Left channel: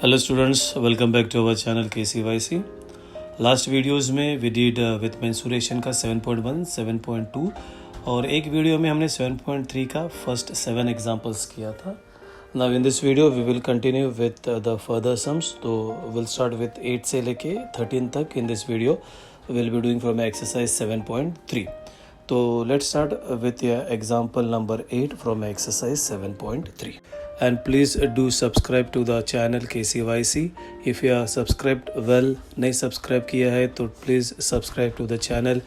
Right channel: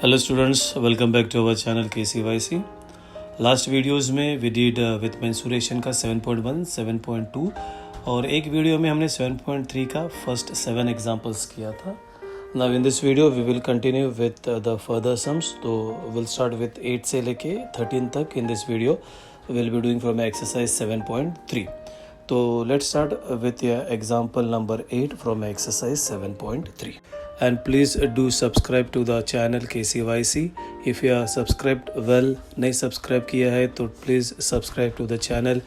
Hello students, welcome back to our channel KCYC. Last videos में we did with mensuration का 7.1, 7.2 और एक video में हमने 7.3 का फर्स्ट 7 एग्जांपल्स किया था. Now in this video we will continue with the further sums. तो विल स्टार्ट विथ 8 से लेके 13 तक. In this video will be doing from exercise 7.3. तो let's start with example number 8 from exercise 7.3. And please do subscribe to the channel KCYC. If you are subscribed well, नहीं subscribe किया है तो please subscribe to the channel.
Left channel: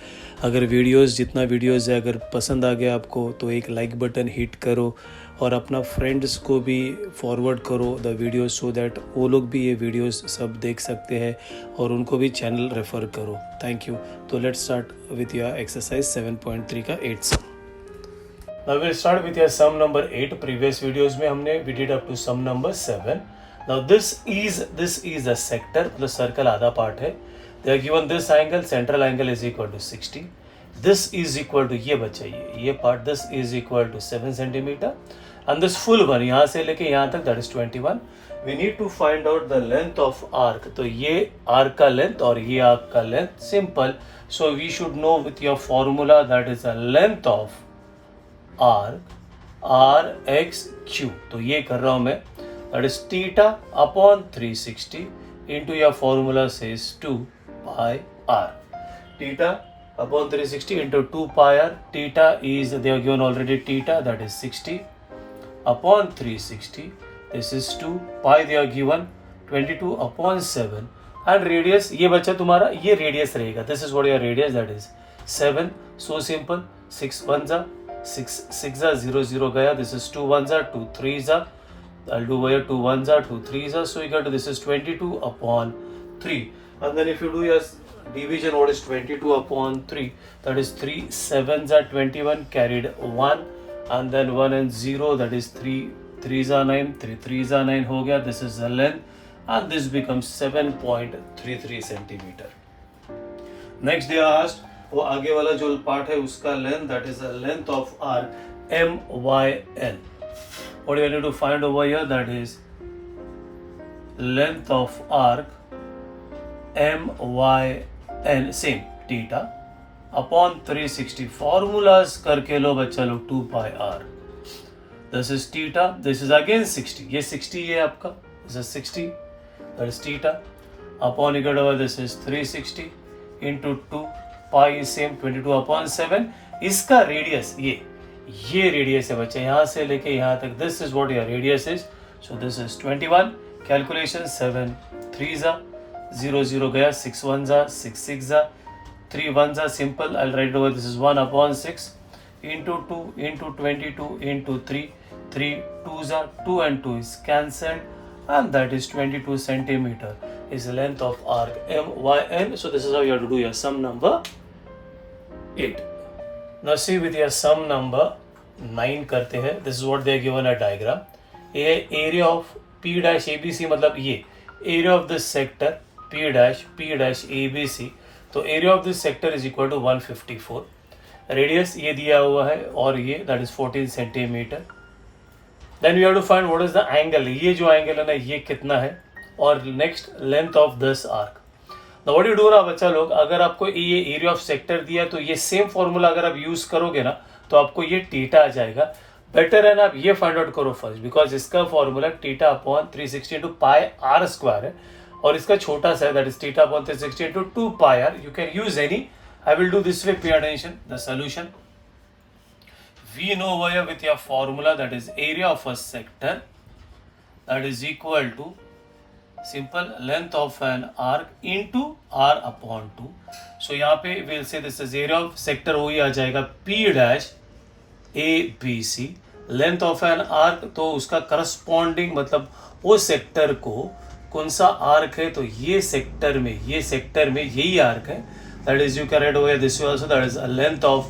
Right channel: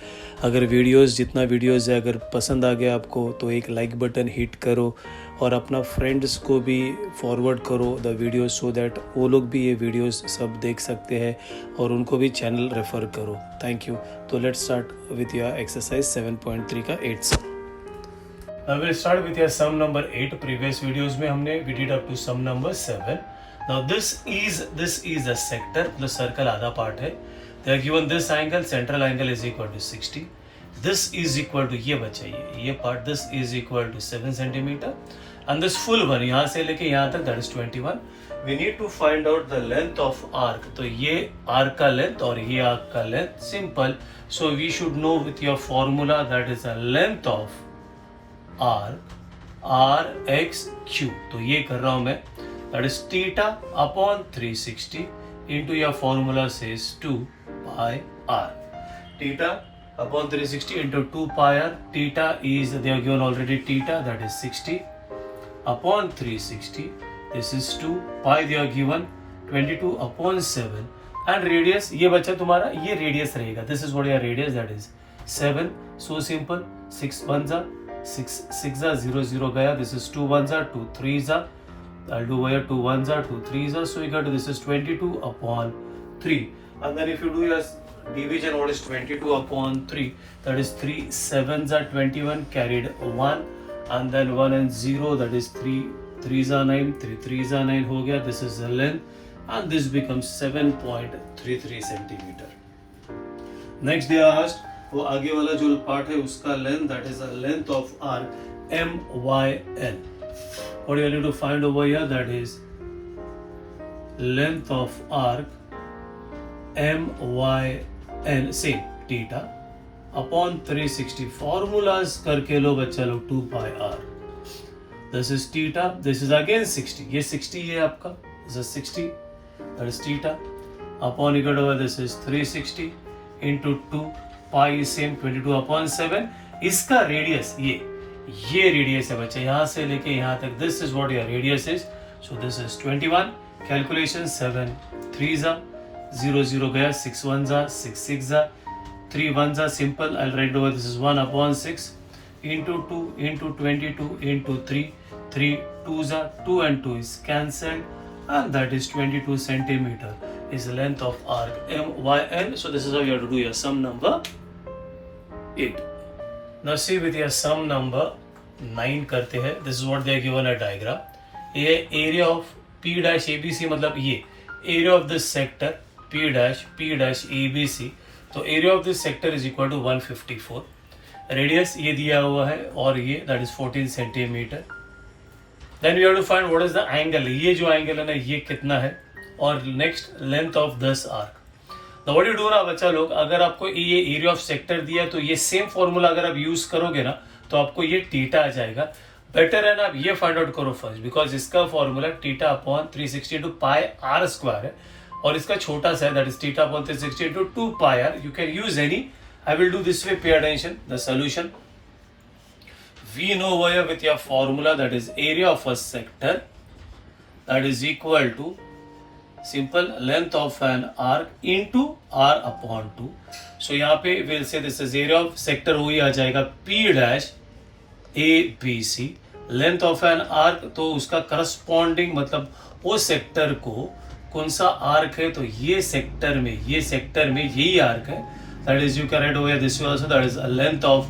अगर videos जितना videos है अगर पसंद आ गया आपको तो एक लाइक बटन हिट करो और अपना फ्रेंड्स को भी फॉरवर्ड करो द वीडियोस सो दैट वो लोग भी ये वीडियोस सब देख सकते हैं और उनको भी चैनल रेफ़र करो. Thank you. तो let's start with your exercise 7.3 का 8 सम. Now we'll start with your sum number 8. Previous videos में हमने we did up to sum number 7. Now this is the sector. The circle आधा part है. They are given this angle, central angle is equal to 60. This is equal to ये बचा ये part. This is equal to 7 centimeter. And this full one यहाँ से लेके यहाँ तक that is 21. We need to find out the length of arc. तो ये arc का length और ये arc का length simple. So we should know with your formula that is the length of arc r x q. तो ये कर रहा हूँ मैं. That is theta upon 360 into your formula says 2 pi r. Theta upon 360 into 2 pi r. Theta is they are given already theta that is 60 upon 360. This is 2 pi they are given 22 upon 7 and radius ये बचा तुम्हारा ये radius रहेगा. This is what your radius that is 7. So simple. 6 1 जा 6 0 0 गया. This is 2 1 2 3 I'll do here 2 1 2 3 so you get this is 22 upon 3 and then if you do your division what is 22 upon 3 that is 3 7 21 carried 1 and then 1 and 0 that is 3 3 9 3 3 9 हो गया. This is the length and this becomes 7.33 centimeter. Next they are asked वो आगे वाला जो part है उसका length that is the length of arc MYN. What do you need to find over here? That is length of arc MYN same theta upon 360. Formulas करके लो बच्चा लोग 2 pi r. This is theta. This is again 60. ये 60 है आपका. This is 60. That is theta upon equal to this is 360 into 2. Pi same 22 upon 7. इसका radius ये radius है बच्चा यहाँ से लेके यहाँ तक. This is what your radius is. So this is 21. Calculation 7 3 जा 0 0 गया 6 1 जा 6 6 जा 3 1 जा simple. I right over this is 1 upon 6 into 2 into 22 into 3 3 2 जा 2 and 2 is cancelled and that is 22 centimeter is the length of arc MYN. So this is how you have to do your sum number 8. Now see with your sum number 9 करते हैं. This is what they are given a diagram. ये area of P dash ABC मतलब ये area of this sector P dash ABC. तो area of this sector is equal to 154. Radius ये दिया हुआ है और ये that is 14 centimeter. Then we have to find what is the angle. ये जो angle है ना ये कितना है और next length of this arc. Now what you do ना बच्चा लोग अगर आपको ये एरिया ऑफ सेक्टर दिया तो ये सेम फॉर्मूला अगर आप यूज करोगे ना तो आपको ये थीटा आ जाएगा. बेटर है ना आप ये फाइंड आउट करो फर्स्ट बिकॉज इसका formula theta upon 360 into pi r square है और इसका छोटा सा है that is theta upon 360 into 2 pi r. You can use any. I will do this way. Pay attention the solution. We know wire with your formula that is area of a sector that is equal to simple length of an arc into r upon 2. So यहाँ पे we'll say this is area of sector वही आ जाएगा P dash ABC. Length of an arc तो उसका corresponding मतलब वो sector को कौन सा आर्क है तो ये सेक्टर में यही आर्क है. That is you can write over this way also that is a length of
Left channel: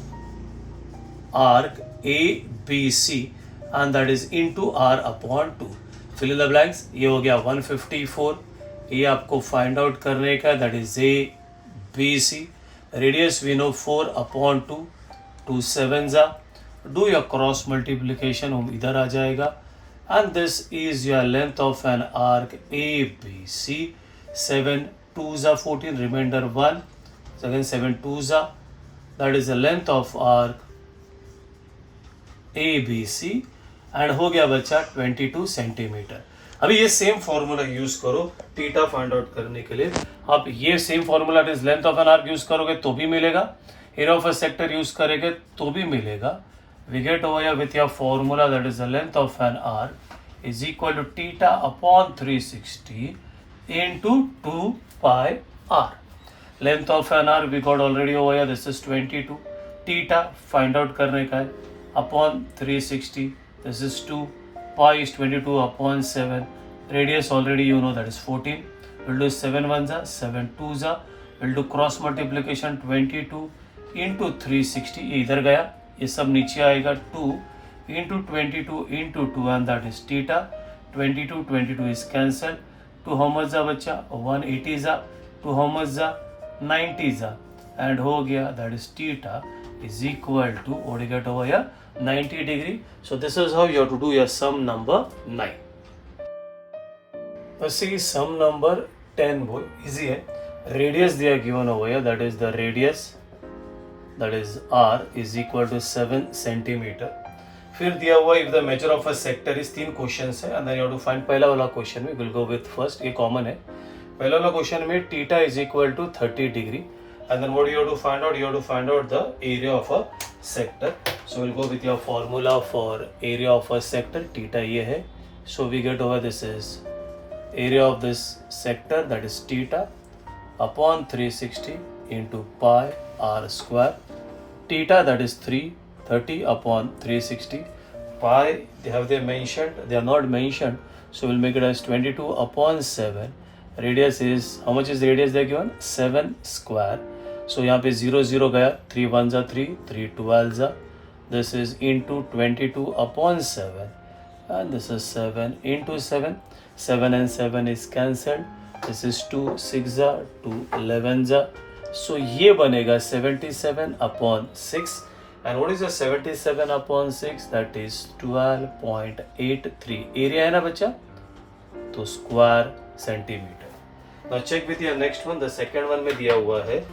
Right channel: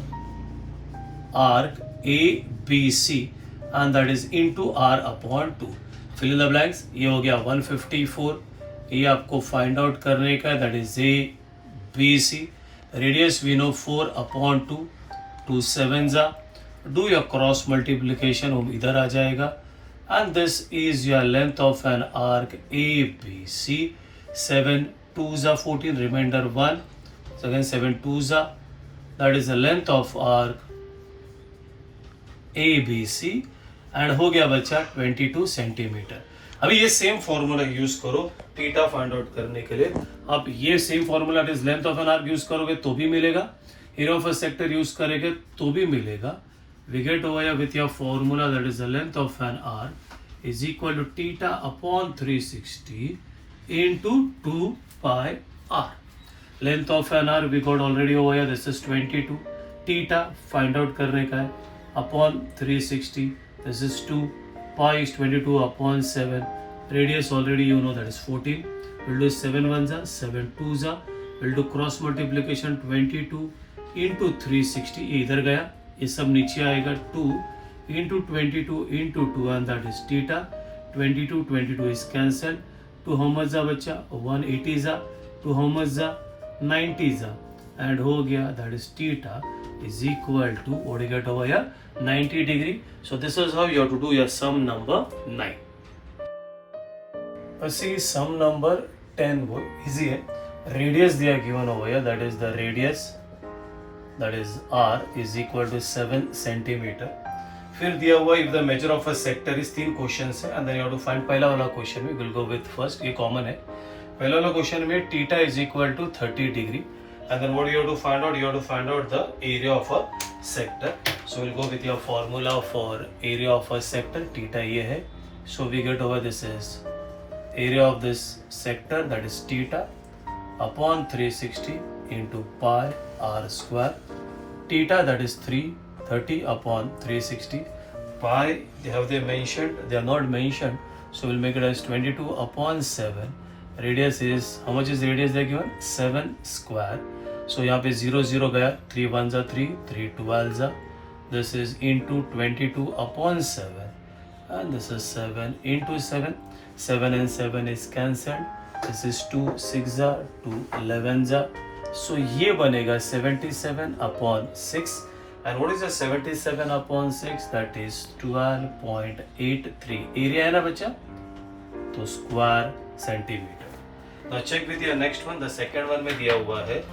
arc ABC and that is into r upon 2. Fill in the blanks. ये हो गया 154. ये आपको फाइंड आउट करने का that is ABC. Radius we know 4 upon 2 2 7 जा. Do your cross multiplication इधर आ जाएगा and this is your length of an arc ABC. 7 2s are 14, remainder 1. So again 7 2s are, that is the length of arc ABC and हो गया बच्चा 22 centimetre. अभी ये same formula use करो theta find out करने के लिए. आप ये same formula is length of an arc use करोगे तो भी मिलेगा, area of a sector use करेंगे तो भी मिलेगा. We get over here with your formula that is the length of an arc is equal to theta upon 360 into 2 pi r. Length of an arc we got already over here, this is 22. Theta find out करने का है upon 360, this is 2. Pi is 22 upon 7. Radius already you know that is 14. We'll do 7 ones are 7 twos are. We'll do cross multiplication 22 into 360. ये इधर गया, ये सब नीचे आएगा 2 into 22 into 2 and that is theta. 22 is cancelled. 2 how much जा बच्चा 180 जा, 2 how much जा 90 जा, and हो गया that is theta is equal to what you get over here 90 degree. So this is how you have to do your sum number 9. Let's see sum number 10 वो easy है. Radius they are given over here, that is the radius, that is r is equal to 7 centimeter. फिर दिया हुआ if the measure of a sector is 3 questions है and then you have to find. पहला वाला question में we'll go with first, ये common है. पहला वाला क्वेश्चन में theta is equal to 30 degree and then what you have to find out, you have to find out the area of a sector. So we'll go with your formula for area of a sector. Theta ये है, so we get over this is area of this sector, that is theta upon 360 into pi r square. Theta that is 330 upon 360. Pi they mentioned, they are not mentioned, so we'll make it as 22 upon 7. Radius is, how much is the radius they are given? 7 square. So यहाँ पे 0 0 गया, 3 1s are 3, 3 12s are. This is into 22 upon 7 and this is 7 into 7. 7 and 7 is cancelled. This is 2 6s are, 2 11s are. So ये बनेगा 77 upon 6. And what is the 77 upon 6? That is 12.83. Area है ना बच्चा, तो square centimeter. Now check with your next one. The second one में दिया हुआ है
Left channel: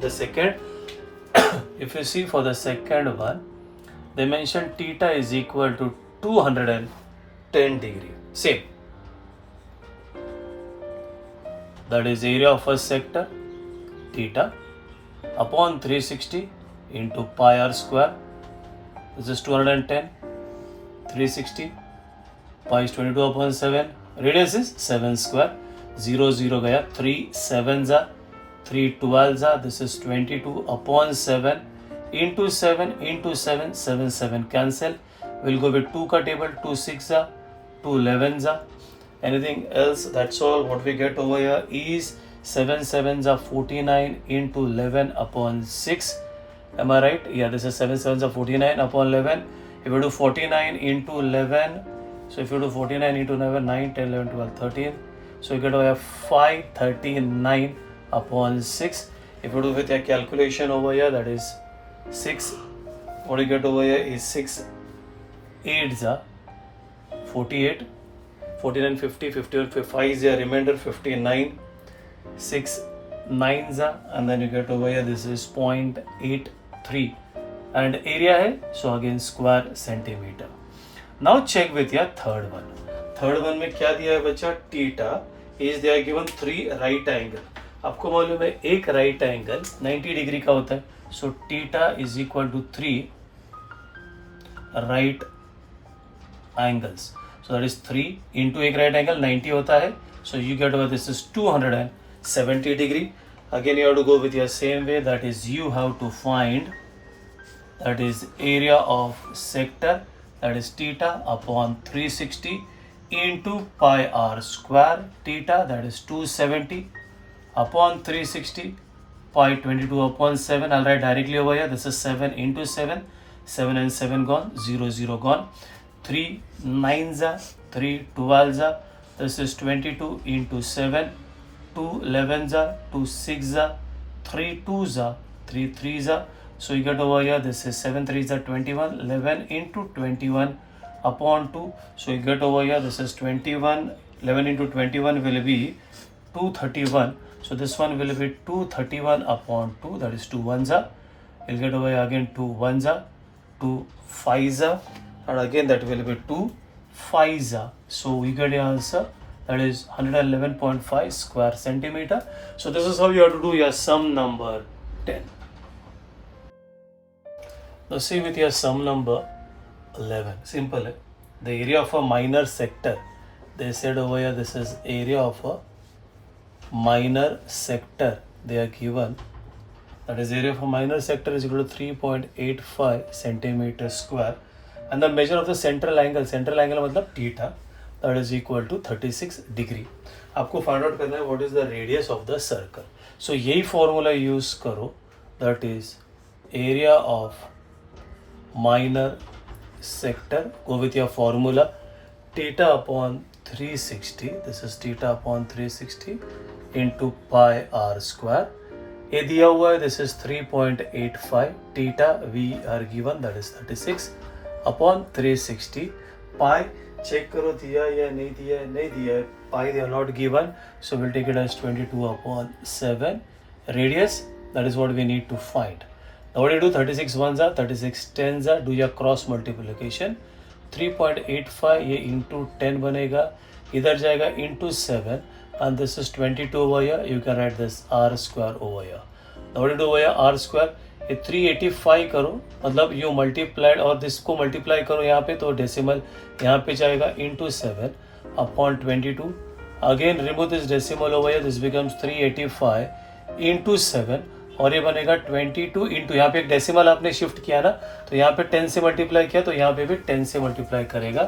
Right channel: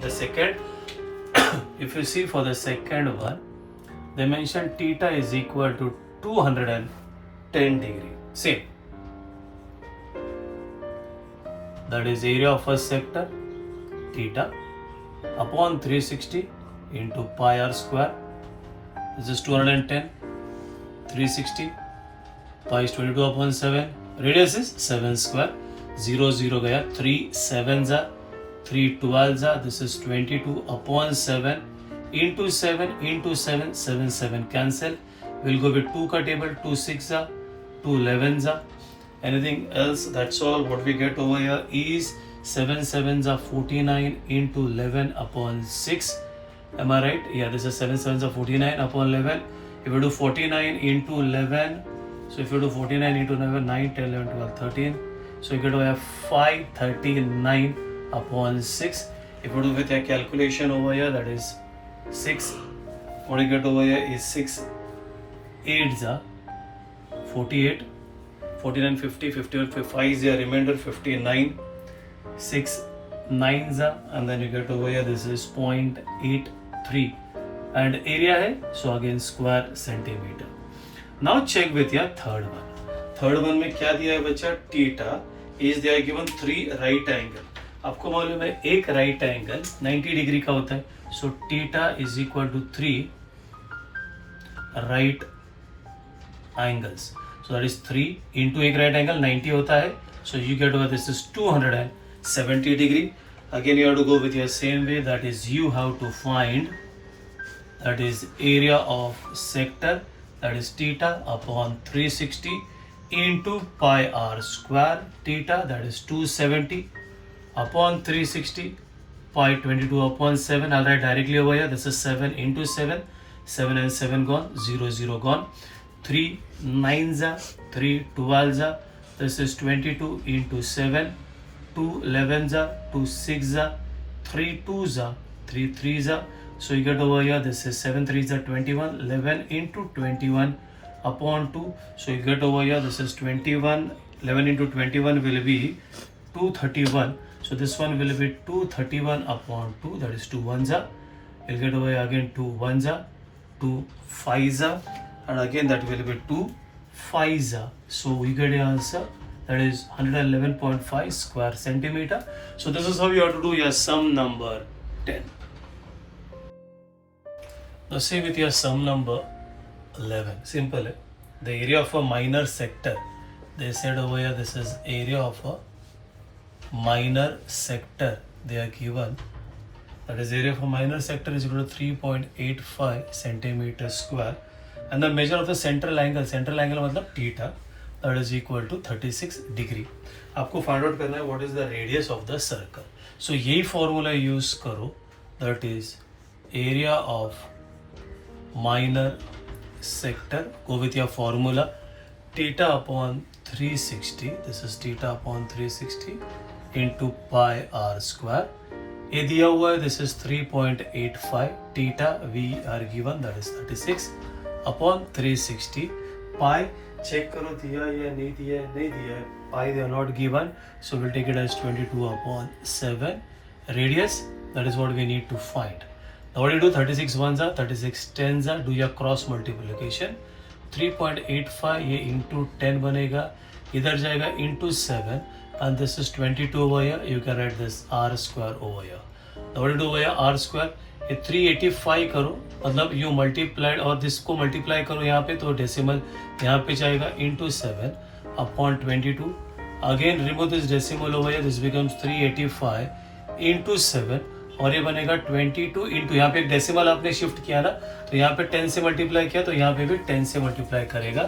the second if you see for the second one they mention theta is equal to 210 degree. Same, that is area of a sector theta upon 360 into pi r square. This is 210. 360 pi is 22 upon 7. Radius is 7 square. 0 0 gaya, 3 7s are, 3 12s are. This is 22 upon 7 into 7 into 7. 7 7 cancel. We'll go with 2 ka table. 2 6 are, 2 11s are. Anything else? That's all. What we get over here is 7 7s are 49 into 11 upon 6. Am I right? Yeah, this is 7 7s are 49 upon 11. If you do 49 into 11, so if you do 49 into 11, 9, 10, 11, 12, 13. So you get over 539 upon 6. If you do with your calculation over here, that is 6. What you get over here is 6 8s are 48. 49 50, 51 5 is the remainder 59. 6 9s are, and then you get over here this is 0.83 and area है, so again square centimeter. Now check with your third one. Third one में क्या दिया है बच्चा? Theta is they are given 3 right angle. आपको मालूम है एक right angle 90 डिग्री का होता है, so theta is equal to 3 right angles. So that is 3 into एक right angle 90 होता है, so you get over this is 270 degree. Again you have to go with your same way, that is you have to find that is area of sector, that is theta upon 360 into pi r square. Theta that is 270 upon 360 pi 22 upon 7. I'll write directly over here, this is 7 into 7. 7 and 7 gone, 0 0 gone. 3 9s are, 3 12s are. This is 22 into 7. 2 11s are, 2 6s are, 3 2s are, 3 3s are. So you get over here, this is 7 3s are 21. 11 into 21, upon 2. So you get over here, this is 21. 11 into 21 will be 231. So this one will be 231 upon 2, that is 2 ones are. You'll get over here again 2 ones are, 2 5s are, and again that will be 2 5s are. So we get the answer, that is 111.5 square centimeter. So this is how you have to do your sum number 10. Now see with your sum number 11, simple. The area of a minor sector, they said over here this is area of a minor sector they are given, that is area of a minor sector is equal to 3.85 centimeter square, and the measure of the central angle मतलब theta, that is equal to 36 degree. आपको find out करना है what is the radius of the circle. So यही formula use करो, that is area of minor sector. Go with your formula theta upon 360, this is theta upon 360 into pi r square. ये दिया हुआ है, this is 3.85. theta we are given, that is 36 upon 360. pi check करो दिया या नहीं दिया है, नहीं दिया है. pi they are not given, so we'll take it as 22 upon 7. Radius, that is what we need to find. Now what do you do? 36 ones are, 36 tens are, do your cross multiplication. 3.85 ये into 10 बनेगा, इधर जाएगा into 7, and this is 22 over here. You can write this r square over here. Now what do you do over here? R square ये 385 करो, मतलब you multiplied और this को multiply करो यहाँ पे, तो decimal यहाँ पे जाएगा into 7 upon 22. Again remove this decimal over here, this becomes 385 into 7, और ये बनेगा 22 इंटू, यहाँ पे एक डेसिमल आपने शिफ्ट किया ना, तो यहाँ पे 10 से मल्टीप्लाई किया, तो यहाँ पे भी 10 से मल्टीप्लाई करेगा.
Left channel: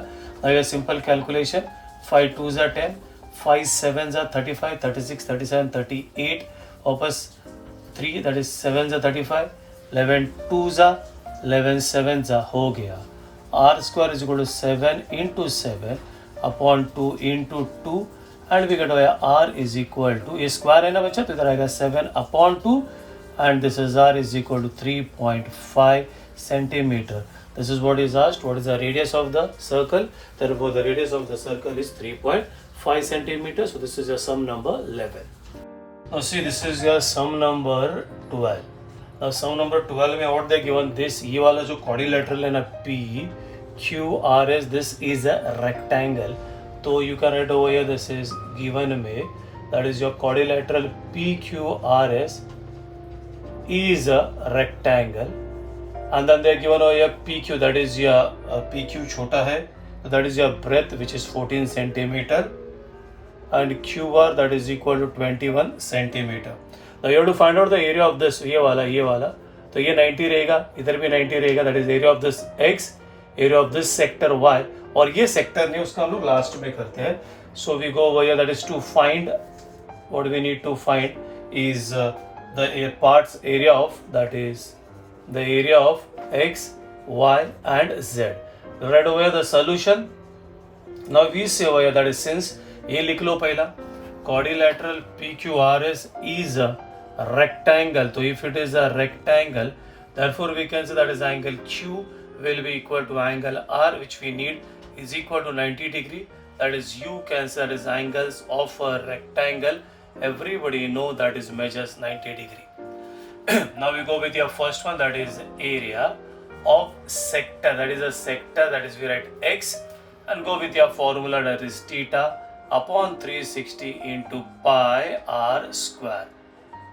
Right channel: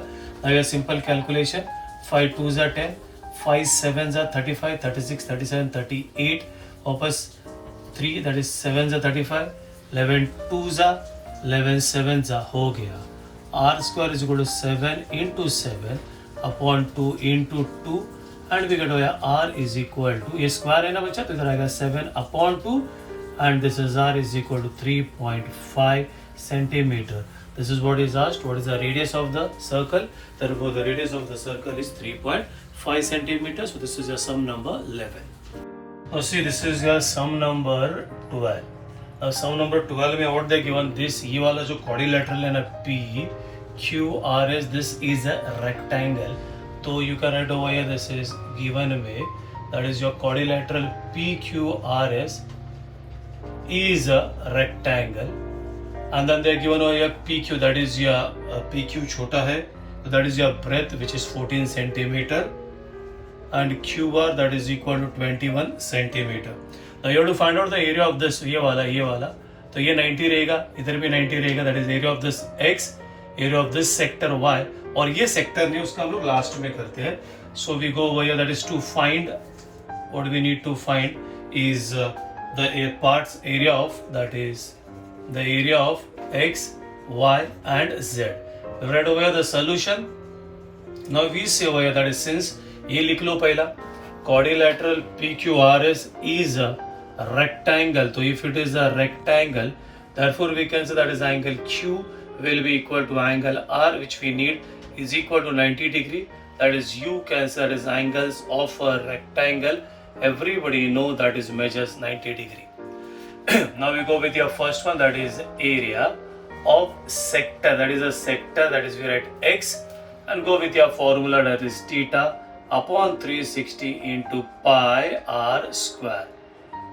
अगर simple calculation, 5 2s are 10, 5 7s are 35, 36 37 38, वापस 3 that is 7s are 35, 11 2s are 11 7s are, हो गया. r square is equal to 7 into 7 upon 2 into 2, and we get r is equal to, ये स्क्वायर है ना बच्चा, तो इधर आएगा 7 upon 2, and this is r is equal to 3.5 centimeter. This is what is asked, what is the radius of the circle. Therefore the radius of the circle is 3.5 centimeter. So this is your sum number 11. Now see, this is your sum number 12. Now sum number 12 में what they given, this ये वाला जो quadrilateral है ना, P Q R S, this is a rectangle. So you can write over here, this is given में, that is your quadrilateral P Q R S is a rectangle, and then they are given over here PQ, that is your PQ छोटा है, that is your breadth which is 14 centimeter, and QR that is equal to 21 centimeter. Now you have to find out the area of this, ये वाला, तो ये 90 रहेगा, इधर भी 90 रहेगा, that is area of this X, area of this sector Y, और ये sector नहीं, उसका हम लोग लास्ट में करते हैं. So we go over here, that is to find, what we need to find is the parts area of, that is the area of X, Y and Z. Right over here the solution. Now we say over here, that is, since ये लिख लो पहला, quadrilateral PQRS is a rectangle, so if it is a rectangle, therefore we can say that is angle Q will be equal to angle R, which we need is equal to 90 degree. That is, you can say that is angles of a rectangle. Everybody know that is measures 90 degree. Now we go with your first one, that is area of sector, that is a sector, that is we write X, and go with your formula, that is theta upon 360 into pi r square.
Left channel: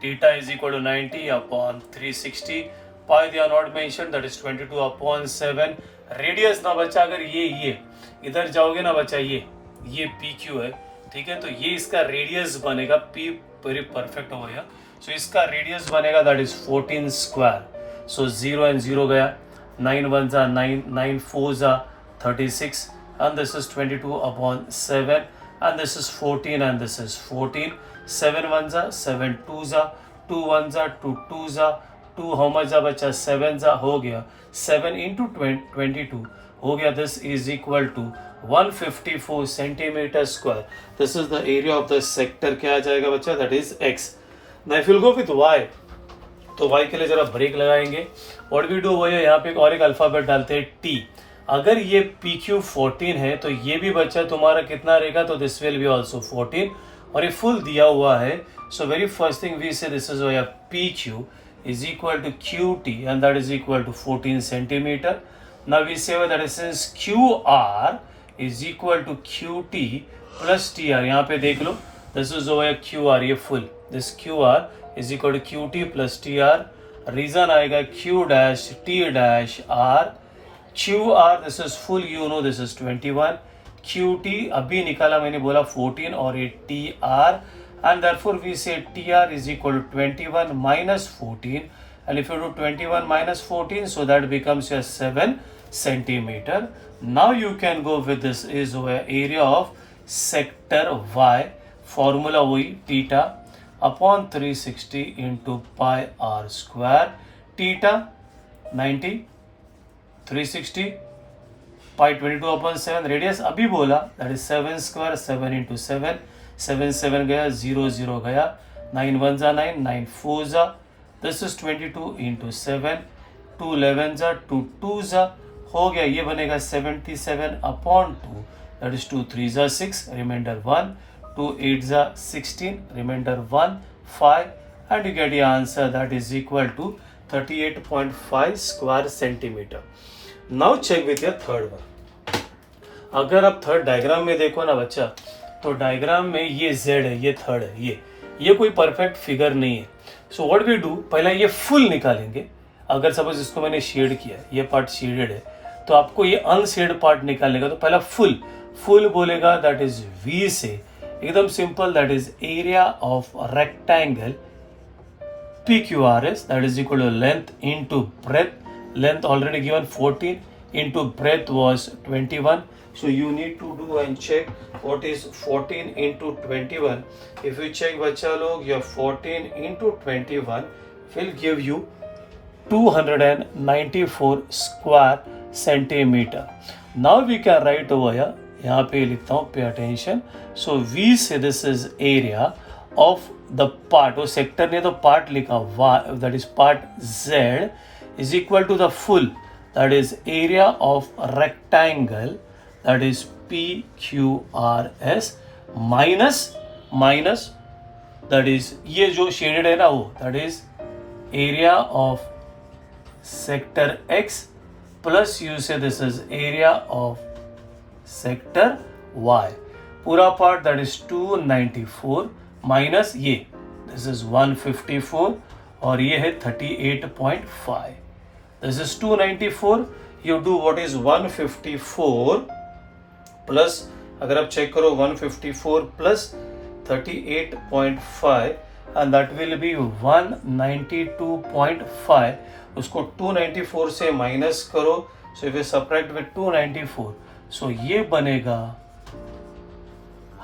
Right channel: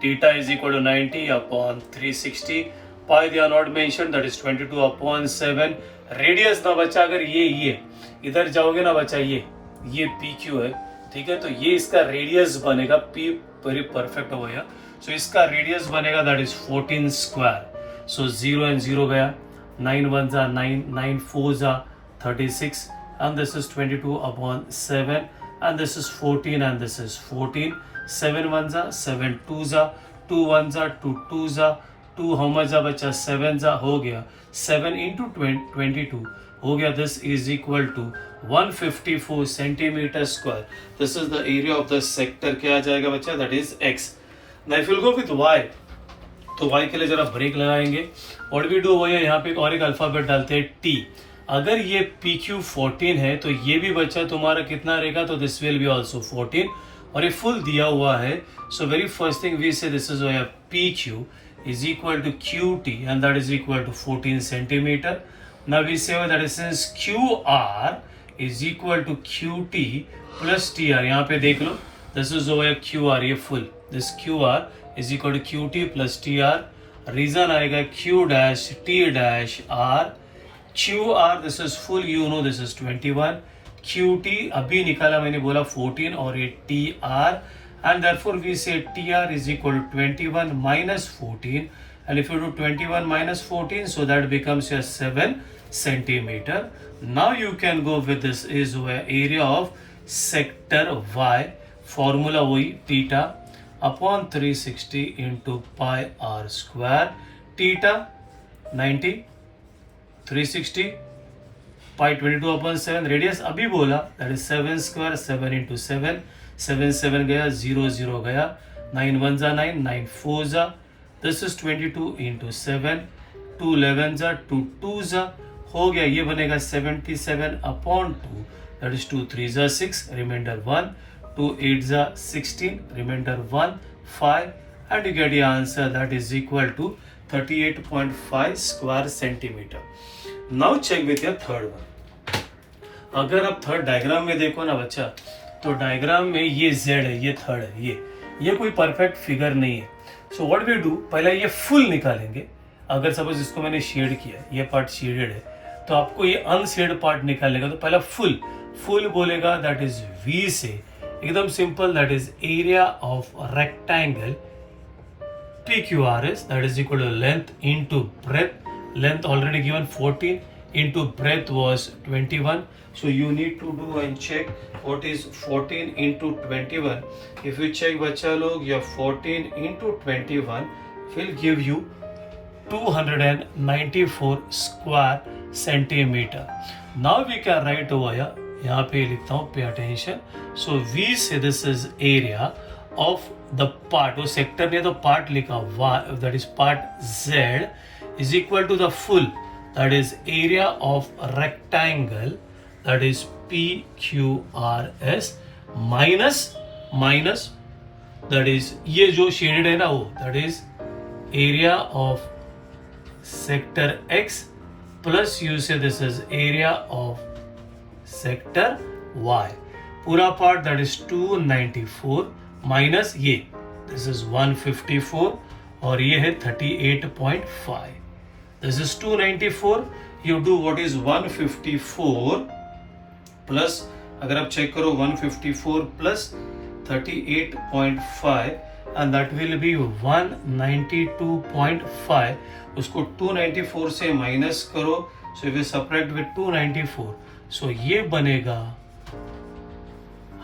Theta is equal to 90 upon 360. Pi they are not mentioned, that is 22 upon 7. Radius ना बच्चा, अगर ये इधर जाओगे ना बच्चा, ये PQ है, ठीक है, तो ये इसका रेडियस बनेगा, P वेरी परफेक्ट हो गया. सो इसका रेडियस बनेगा, that is 14 square. So 0 and 0 गया, 9 1s are 9, 9 4s are 36, and this is 22 upon 7, and this is 14, and this is 14. 7 1s are 7, 2s are 2, 1s are 2, 2s are 2, how much are बच्चा, 7s are, हो गया 7 into 22 हो गया. This is equal to 154 centimeter square. This is the area of the sector. क्या आ जाएगा बच्चा, that is X. Now if you go with Y, तो Y के लिए जरा ब्रेक लगाएंगे. What we do वो यहाँ पे एक और एक अल्फाबेट डालते हैं T. अगर ये PQ 14 है तो ये भी बच्चा तुम्हारा कितना रहेगा, तो दिस विल बी ऑल्सो 14, और ये फुल दिया हुआ है. So very first thing we say this is PQ is equal to QT and that is equal to 14 centimeter. Now we say that is since QR is equal to QT plus TR. यहाँ पे देख लो, this is over QR, ये full, this QR is equal to QT plus TR. Reason आएगा Q dash T dash R. QR this is full, you know this is 21. QT अभी निकाला मैंने, बोला 14, और ये TR, and therefore we say TR is equal to 21 minus 14, and if you do 21 minus 14, so that becomes your 7 centimeter. Now you can go with this is area of sector Y, formula वही theta upon 360 into pi r square. Theta 90, 360 pi 22 upon 7, radius अभी बोला that is 7 square, 7 into 7, 7 7 गया, 0 0 गया, 9 1 जा 9, 9 4 जा, this is 22 into 7, 2 11 जा, 2 2 जा, हो गया, ये बनेगा 77 upon 2, that is 2 3 जा 6, remainder 1, 2 8 जा 16, remainder 1 5, and you get your answer that is equal to 38.5 square centimeter. Now check with your third one. अगर आप थर्ड डायग्राम में देखो ना बच्चा, तो डायग्राम में ये Z है, ये थर्ड है, ये कोई परफेक्ट फिगर नहीं है. सो व्हाट वी डू, पहले ये फुल निकालेंगे. अगर सपोज इसको मैंने शेड किया, ये पार्ट शेडेड है, तो आपको ये अनशेड पार्ट निकालने का, तो पहला फुल बोलेगा, दैट इज V से एकदम simple, that is area of rectangle PQRS, that is equal to length into breadth. Length already given 14 into breadth was 21. So you need to do and check what is 14 into 21. If you check बच्चा लोग, your 14 into 21 will give you 294 square centimeter. Now we can write over here. यहाँ पे लिखता हूँ, pay attention. So we say this is area of the part, वो sector ने तो part लिखा, that is part Z is equal to the full, that is area of rectangle, that is PQRS minus that is ये जो shaded है ना वो, that is area of sector X plus you say this is area of sector Y. पूरा part that is 294 minus ये, this is 154, और ये है 38.5. This is 294. You do what is 154 plus, अगर आप चेक करो 154 plus 38.5 and that will be 192.5. उसको 294 से माइनस करो, so if you subtract with 294, सो ये बनेगा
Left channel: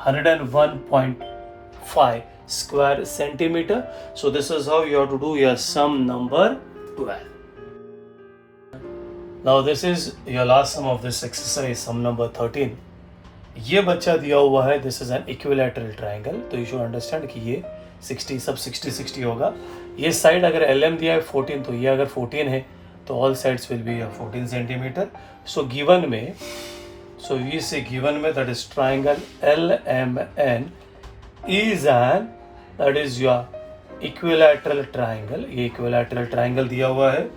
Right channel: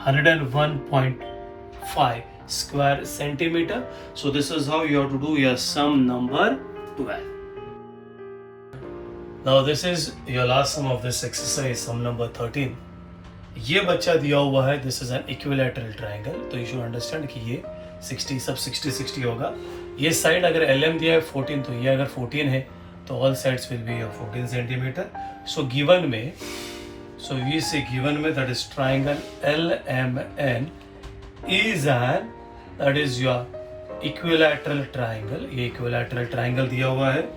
101.5 square centimeter. So this is how you have to do your sum number 12. Now this is your last sum of this exercise, sum number 13. ये बच्चा दिया हुआ है, this is an equilateral triangle, तो you should understand कि ये 60 सब 60 होगा. ये साइड अगर LM दिया है 14, तो ये अगर 14 है तो all sides will be 14 centimeter. So given में, so we say given में that is triangle LMN is an, that is your equilateral triangle. ये equilateral triangle दिया हुआ है,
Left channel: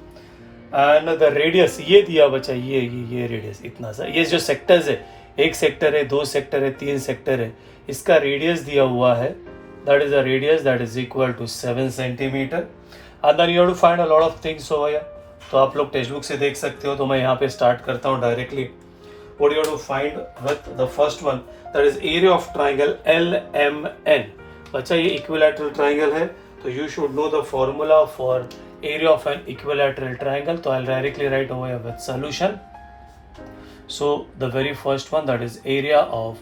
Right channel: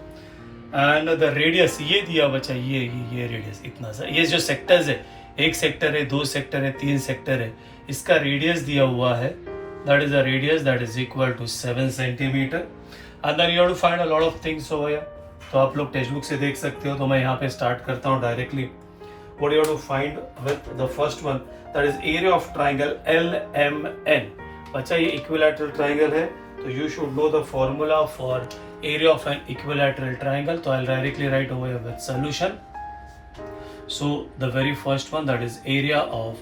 and the radius ये दिया बच्चा, ये radius इतना सा, ये जो sectors है, एक सेक्टर है, दो सेक्टर है, तीन सेक्टर है, इसका रेडियस दिया हुआ है, that is the radius that is equal to 7 centimeter. And then you have to find a lot of things over here. तो आप लोग टेक्स्ट बुक से देख सकते हो, तो मैं यहाँ पे स्टार्ट करता हूँ directly. What you have to find with the first one, that is area of triangle LMN. बच्चा ये equilateral triangle है, तो you should know the formula for area of an equilateral triangle. So I'll directly write over here with solution. So the very first one, that is area of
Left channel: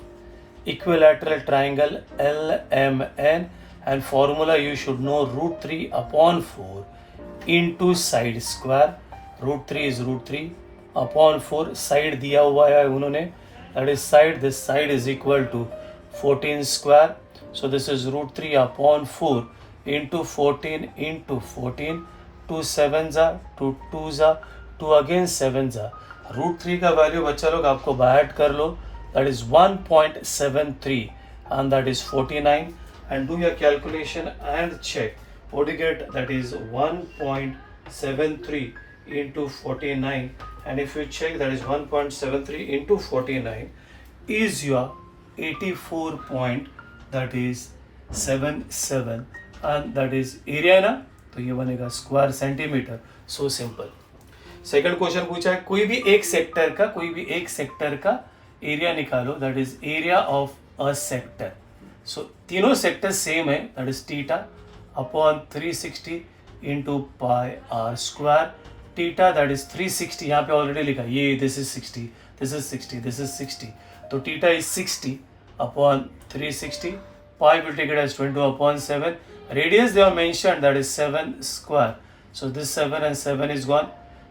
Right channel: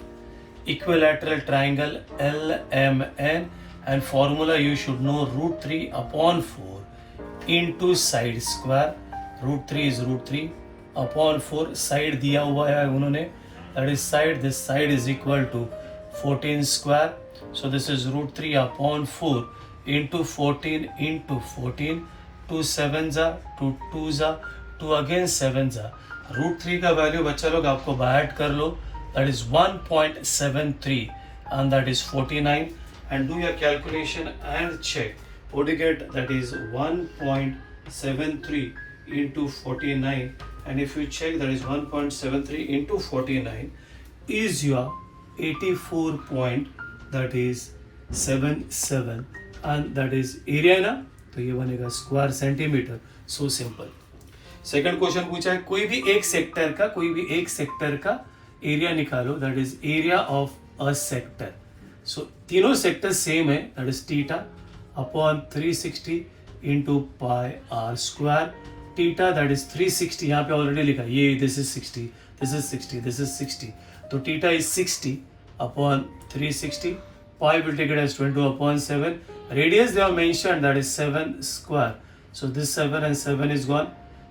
equilateral triangle LMN, and formula you should know √3 upon 4 into side square. √3 is √3 upon 4. Side दिया हुआ है उन्होंने, that is side, this side is equal to 14 square. So this is √3 upon 4 into 14 into 14. 2 7s are 2 2s are 2 again 7s are. √3 का value बच्चा लोग आपको bye add कर लो, that is 1.73 and that is 49, and do your calculation and check what you get, that is 1.73 into 49, and if you check that is 1.73 into 49 is your 84 point, that is 77, and that is area ना, तो ये बनेगा square centimetre. So simple. Second question पूछा है कोई भी एक sector का एरिया निकालो, that is area of a sector. So तीनों सेक्टर सेम है, that is theta upon 360 into pi r square. Theta that is 360, यहाँ पे ऑलरेडी लिखा ये, this is 60, this is 60, this is 60, तो theta is 60 upon 360. Pi will take it as 22 upon 7. Radius they are mentioned, that is 7 square. So this 7 and 7 is gone.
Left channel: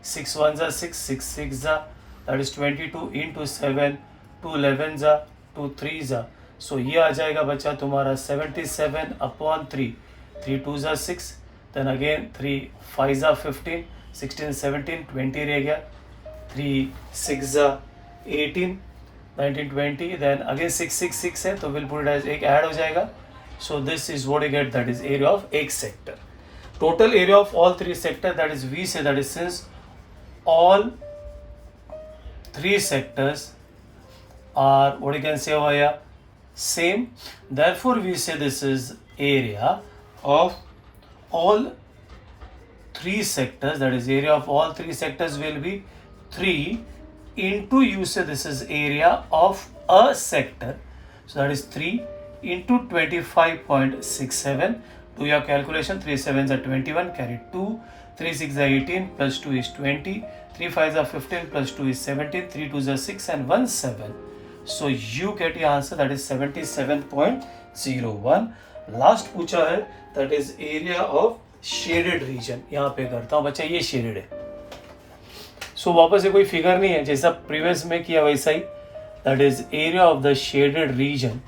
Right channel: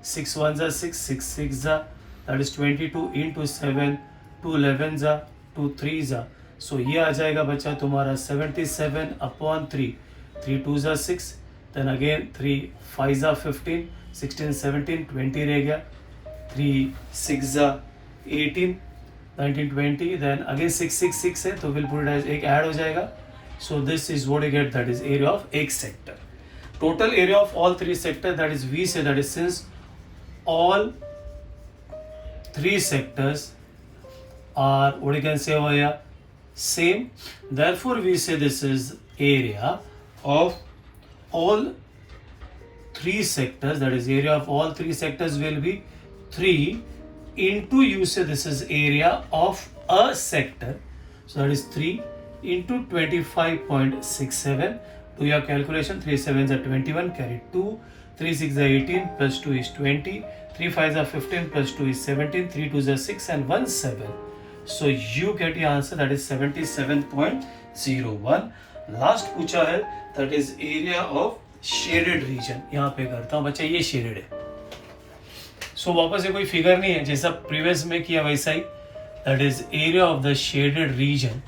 6 1s are 6, 6 6s are, that is 22 into 7, 2 11s are, 2 3s are. So ये आ जाएगा बच्चा तुम्हारा 77 upon 3. 3 2s are 6, then again 3 5s are 15, 16 17 20 रह गया. 3 6s are 18, 19 20, then again 6 6 6 है तो we'll put it as एक add हो जाएगा. So this is what you get, that is area of एक sector. Total area of all three sectors, that is we say, that is since all three sectors are what you can say over here same, therefore we say this is area of all three sectors, that is area of all three sectors will be 3 into, you say this is area of a sector, so that is 3 into 25.67. Do your calculation. 3 7s are 21, carry 2, 3 6 are 18, plus 2 is 20, 3 5s are 15, plus 2 is 17, 3 2s are 6, and 1 7. So you get your answer, that is 77.01. Last पूछा है, that is area of shaded region. यहाँ पे करता हूँ बच्चा, ये shaded है. So वापस ये कोई फिगर नहीं है, जैसा प्रीवियस में किया वैसा ही, that is area of the shaded region.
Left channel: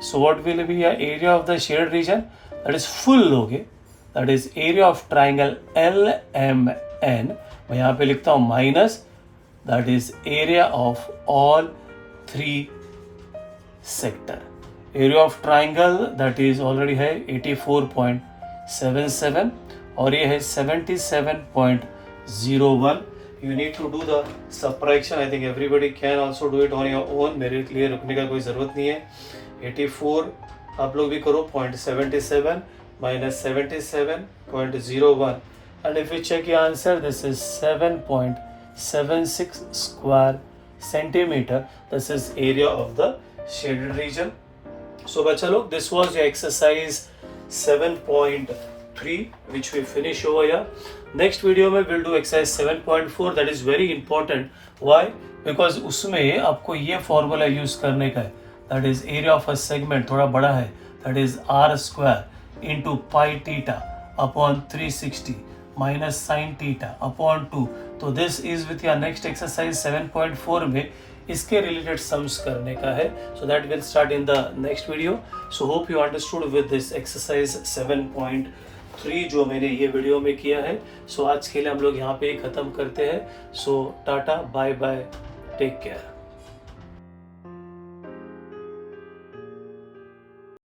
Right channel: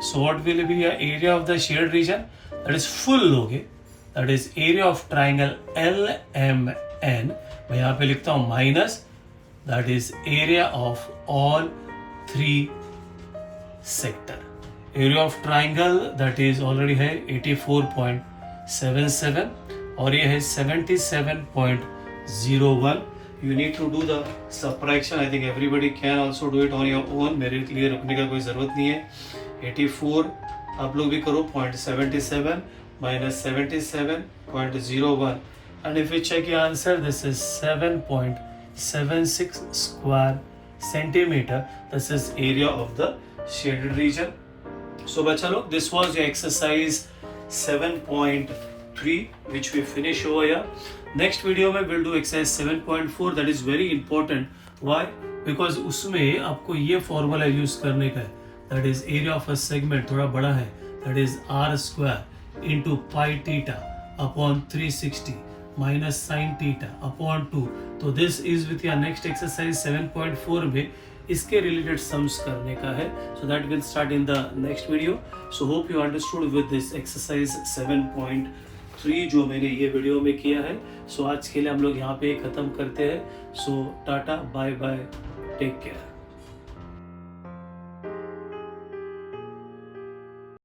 So what will be your area of the shaded region? That is full लोगे, that is area of triangle LMN. मैं यहाँ पे लिखता हूँ minus, that is area of all three sector. Area of triangle that is already है 84.77 और ये है 77.01. You need to do the subtraction. I think everybody can also do it on your own. मेरे लिए रुकने का कोई ज़रूरत नहीं है. 84 आप लोग भी करो, 0.77 minus 77.01, and if you check your answer, this is 7.76 square centimeter. This is area of the shaded region. So बच्चा लोग, this was your exercise 7.3 which we finish over here. Next video में we'll do exercise 7.4. that is very important. Why? Because उसमें आपको ये formula use करने का है, that is area of a segment थोड़ा बड़ा है, that is r square into pi theta upon 360 minus sin theta upon 2. तो this is with your next exercise 7.4 में इसके related sums करने का है. So that will start in the next video. So hope you understood with this exercise 7.3 जो मैंने ये video में किया है. So आज के लिए हम लोग यहाँ पे ख़त्म करते हैं. So tata, bye bye, take care.